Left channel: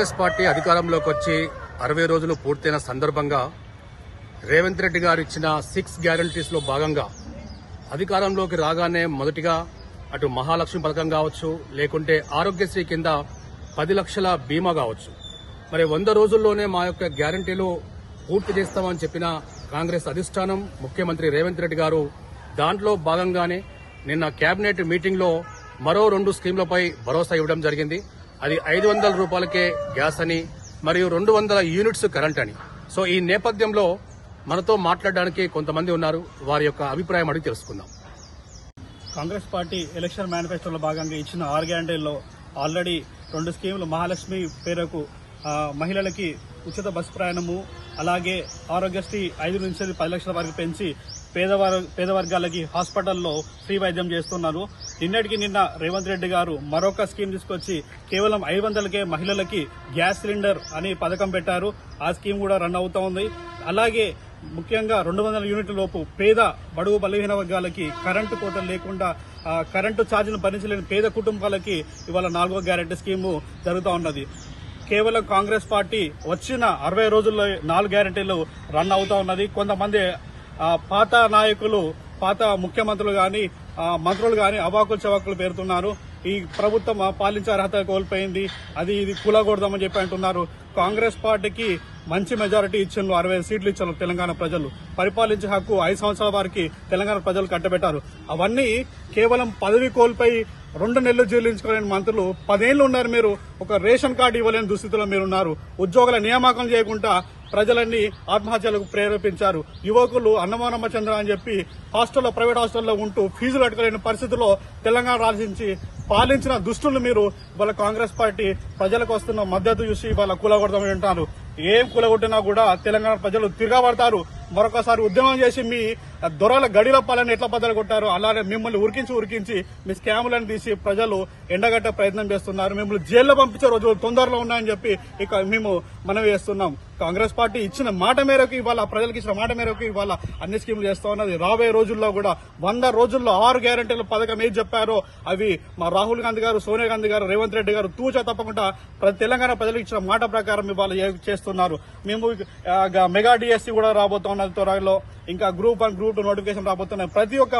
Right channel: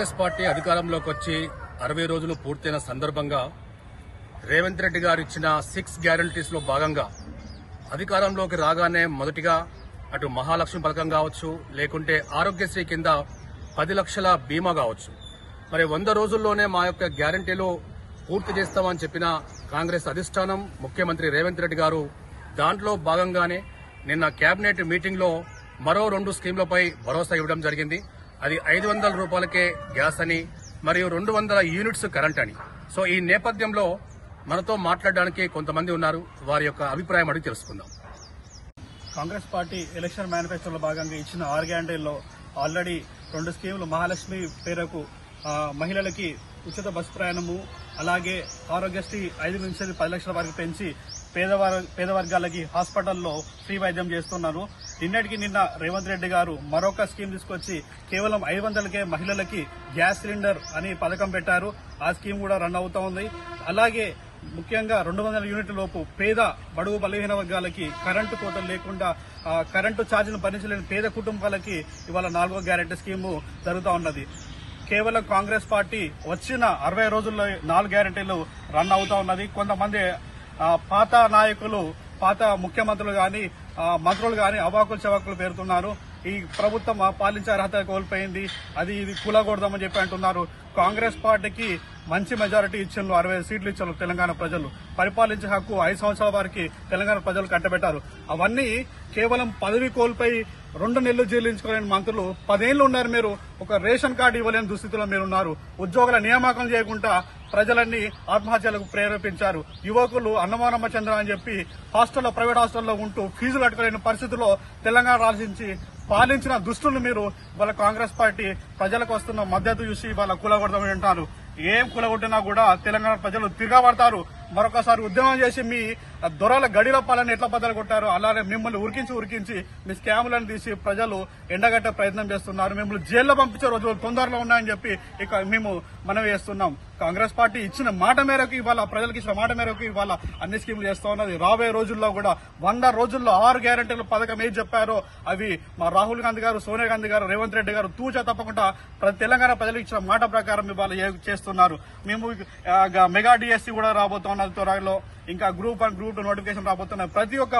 Congress party అధికారంలోకి వచ్చి 60 రోజులు పూర్తయిన సందర్భంగా రేవంత్ రెడ్డి గారు ఇచ్చిన 6 గ్యారంటీస్ లో భాగంగా అధికారంలోకి రాగానే మొదటిగా అటు మహాలక్ష్మి పథకం కావచ్చు, లేకుంటే ఆరోగ్యశ్రీ కింద 10 లక్షల బీమా కావచ్చు. మరి 100 రోజుల్లోనే మా యొక్క గ్యారంటీలు పూర్తి చేస్తామని చెప్పిన కాంగ్రెస్ అధిష్టానం, ముఖ్యమంత్రి రేవంత్ రెడ్డి గారు దాంట్లో భాగంగానే నిన్న కేబినెట్ మీటింగ్ లో మరో 2 స్కీంలపై భరోసా ఇవ్వడం జరిగింది. అది 500 రూపాయలకే గ్యాస్ అని, మరియు 200 యూనిట్స్ కరెంట్ అని. సో ఈ నేపథ్యంలో మనతో మాట్లాడడానికి కొంతమంది ఉన్నారు. వారి యొక్క అభిప్రాయం అడిగి తెలుసుకుందాం. కాంగ్రెస్ పార్టీ ఎలక్షన్ మేనిఫెస్టోలో భాగంగా ఇచ్చిన 6 గ్యారంటీల్లో ఆల్రెడీ 2 స్కీములు మహాలక్ష్మి పేరుకు మహిళలకి ఉచిత బస్సు ప్రయాణము, అలాగే ఆరోగ్యశ్రీ 5 నుంచి 10 లక్షల వరకు పెంచి పేద వర్గాలకి హాస్పిటల్లో ఫ్రీ వైద్యం చేస్తున్నారు. నిన్న రేవంత్ రెడ్డి గారు మరొక స్కీమ్ తీసుకొచ్చి కేవలం 500కే మహిళలకి గ్యాస్ సిలిండర్ అని పథకం పెట్టారు. ఆ స్కీమ్ కూడా రన్ అవుతా ఉంది. అలాగే ముఖ్యంగా 200 యూనిట్ల లోపు పేద బడుగు బలహీన వర్గాలకి కరెంటు కోతలు లేకుండా కరెంటు ఛార్జీలు భరించలేని పేద కుటుంబాలకి ఇవాళ 4వ గ్యారెంటీ స్కీము జరుగుతూ ఉన్నది. కేవలం కాంగ్రెస్ పార్టీ వచ్చిన 60 రోజుల్లో 4 గ్యారెంటీలు రన్ అవుతూ ఉన్నది. కొంతమంది పాత నాయకులు, పాత ముఖ్యమంత్రులు గాని మంత్రులు గాని అవాకులు చవాకులు పేరుతున్నారు. ఈ ప్రభుత్వం పాలించే అర్హత కోల్పోయింది, అది ఇది కూలగొడదామని చెప్పి అంటున్నారు. కాంగ్రెస్ పార్టీకి మంచి మెజారిటీ ఇచ్చిండ్రు, 60 సీట్లు ఇచ్చారు తెలంగాణ ప్రజలు. పరిపాలించే హక్కు 5 సంవత్సరాల వారికి తెలంగాణ ప్రజలు కట్టబెట్టారు. అవన్నీ కేవలం పదవి కోల్పోయి 2 నెలలు జైలించుకోలేని మంత్రులు 10 ఏళ్లు ఉన్నారు. మీరు ఒక రేషన్ కార్డు ఇవ్వలేని దుస్థితిలో మీరున్నారు. ఉద్యోగుల నియామకం చేయకుండా ప్రజలన్నీ ఆత్మహత్యలకు ప్రేరేపించారు. యువకులు అన్నమానమ్మ చంద్ర అని చెప్పి ప్రైవేట్ హాస్టల్లో ఉంటూ ఫీజులు కట్టుకోలేని పరిస్థితుల్లో తెలంగాణ రాజించి పాలించిన దుస్తులు మీరు ఇవాళ కాంగ్రెస్ పార్టీ ప్రజలకు వస్తున్న మద్దతు చూసి ఇవాళ కూలగొడదామని అంటారు. ఏం కూలగొట్టినా కూడా తెలంగాణ ప్రజలు తిరగబడతారు. మరొకసారి ఉద్యమం చేసి మీ దొరల గడిల పాలన ఎట్లా బద్దలు కొట్టారో అలానే మిమ్మల్ని ఉరికించి మీ స్కాములను తీసి ప్రజలు ఎండగట్టే ప్రయత్నం చేస్తున్నారు. మిమ్మల్ని జైల్లో పంపించే రోజులు తొందరలో ఉన్నాయని చెప్పి ఇక మేము మనవి చేస్తున్నాం. కాంగ్రెస్ పార్టీ ఇచ్చిన మాట మేరకు, ఇవాళ ప్రజలకు ఇచ్చిన మాట మేరకు ఇవాళ అన్ని స్కీములు చేస్తా ఉన్నది. రాబోయే రోజుల్లో కూడా 100 రోజుల్లో 6 గ్యారెంటీల పథకం ఏది చెప్పారో అవి మా రాహుల్ గాంధీ గారు, సోనియా గాంధీ గారు, రేవంత్ రెడ్డి గారు తూచా తప్పకుండా తెలంగాణ ప్రజలకు ఇచ్చిన మాట ప్రకారం ఇవాళ చేస్తున్నారు. మేము మెగా డిఎస్సీ కూడా రాబోతున్నది త్వరలో, ఇంకా గ్రూప్ 1, గ్రూప్ 2 నోటిఫికేషన్ రాబోతున్నాయి. ప్రతి ఒక్క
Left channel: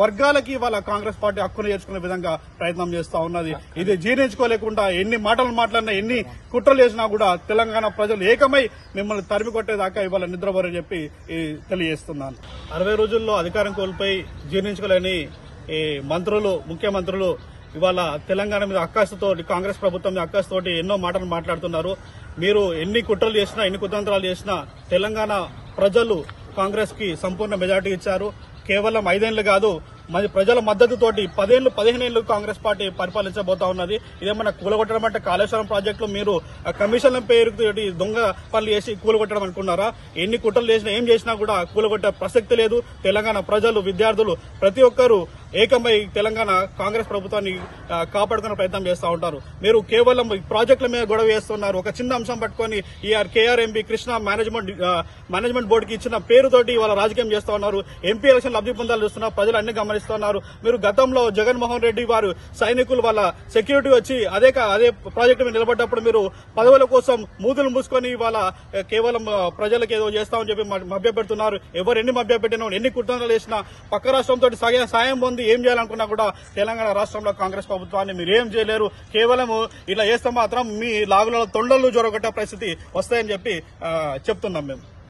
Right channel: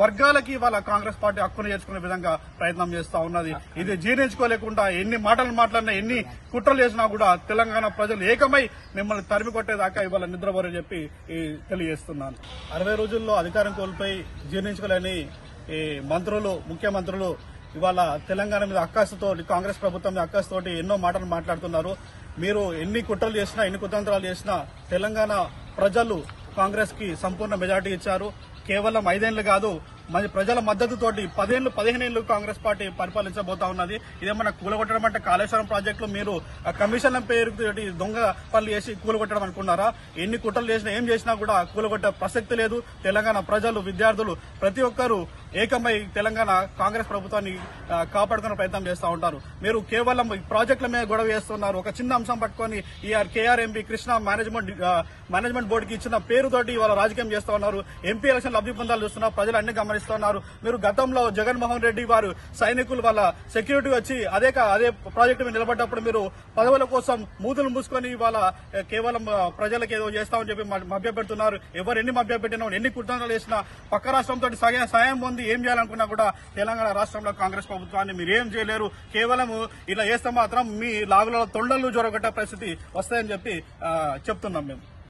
వర్గాలకి ఇవాళ కాంగ్రెస్ పార్టీ హక్కును చేర్చుకునే విధంగా ప్రయత్నం చేస్తా ఉన్నది. ఇది జీర్ణించుకోలేకుండా ఎన్ని మాటలు మాట్లాడినా, ఎన్ని కుట్రలు చేసినా కూడా తెలంగాణ ప్రజలు ఏకమై మిమ్మల్ని తరిమి కొట్టేదాకా ఇవాళ నిద్రపోరని చెప్పి తెలియజేస్తున్నాను. 60 రోజుల్లో అధికారం కోల్పోయి జీర్ణించుకోలేని మంత్రులు, ముఖ్యమంత్రులు ఇవాళ తెలంగాణ మీద అక్కసుతో, కాంగ్రెస్ ప్రభుత్వం మీద అక్కసుతోటి ఎన్నో మాటలు మాట్లాడుతున్నారు. మీరు ఎన్ని కుట్రలు చేసినా, ఎన్ని కుతంత్రాలు చేసినా తెలంగాణ ప్రజలు కాంగ్రెస్ కి సంపూర్ణ మెజార్టీ ఇచ్చారు. కేవలం 5 ఏళ్లు కాదు, మరి ప్రజల మద్దతుతోటి 10 ఏళ్లు, 15 ఏళ్లు కాంగ్రెస్ పార్టీ పరిపాలించబోతా ఉన్నది. ఇదేమన్నా కూలగొట్టడం అంటే కాళేశ్వరం ప్రాజెక్టులో మీరు కమిషన్ల పేరుతోటి దొంగ పనులు చేసి కూలగొట్టడం అనుకున్నారా? ఎన్ని కుట్రలు చేసినా, ఏం చేసినా కూడా కూలగొట్టే ప్రసక్తి లేదు. తెలంగాణ ప్రజలు, విద్యార్థులు ప్రతి ఒక్కరూ ఏకమై తెలంగాణ కాంగ్రెస్ ప్రభుత్వాన్ని కాపాడుకునే ప్రయత్నం చేస్తూ ఉంటారు. మీరు కేవలం ప్రాజెక్టుల మీద గొడవ చేస్తున్నారు. ఒక చిన్న అంశం పట్టుకుని కేఆర్ఎంబీ కృష్ణా మేనేజ్మెంట్ బోర్డుకి ఇచ్చిన పేరుతోటి ఇవాళ రాజకీయం చేస్తూ ఉన్నారు. ఎంపీ ఎలక్షన్ లబ్ధి పొందాలు చూస్తున్నారు, ప్రజలు అన్ని గమనిస్తున్నారు. మీరు గతంలో జగన్మోహన్ రెడ్డి వారు సైనికులు వాళ్ళ సెక్యూరిటీ వచ్చి అదే ప్రాజెక్టు మీద నిలబడ్డప్పుడు మీరు పదవుల కోసం మూతులు మూసుకొని ఇవాళ కేవలం ప్రజలకు ఏదో చేస్తామని చెప్పి మభ్యపెడుతున్నారు. ఎవరు ఎన్ని మభ్యపెట్టినా, ఎన్ని కుట్రలు చేసినా, పక్క రాష్ట్రంతో సాయం పొంది ఏం చేయాలనుకున్నా కూడా తెలంగాణ రాష్ట్రంలో కాంగ్రెస్ ప్రభుత్వాన్ని మీరు ఏం చేయలేరు. కేవలం ఇలా చేస్తే మాత్రం మీ లాగులలో తొండలు జొరగొట్టే పరిస్థితి వస్తాయని చెప్పి చెప్తున్నాం మేము.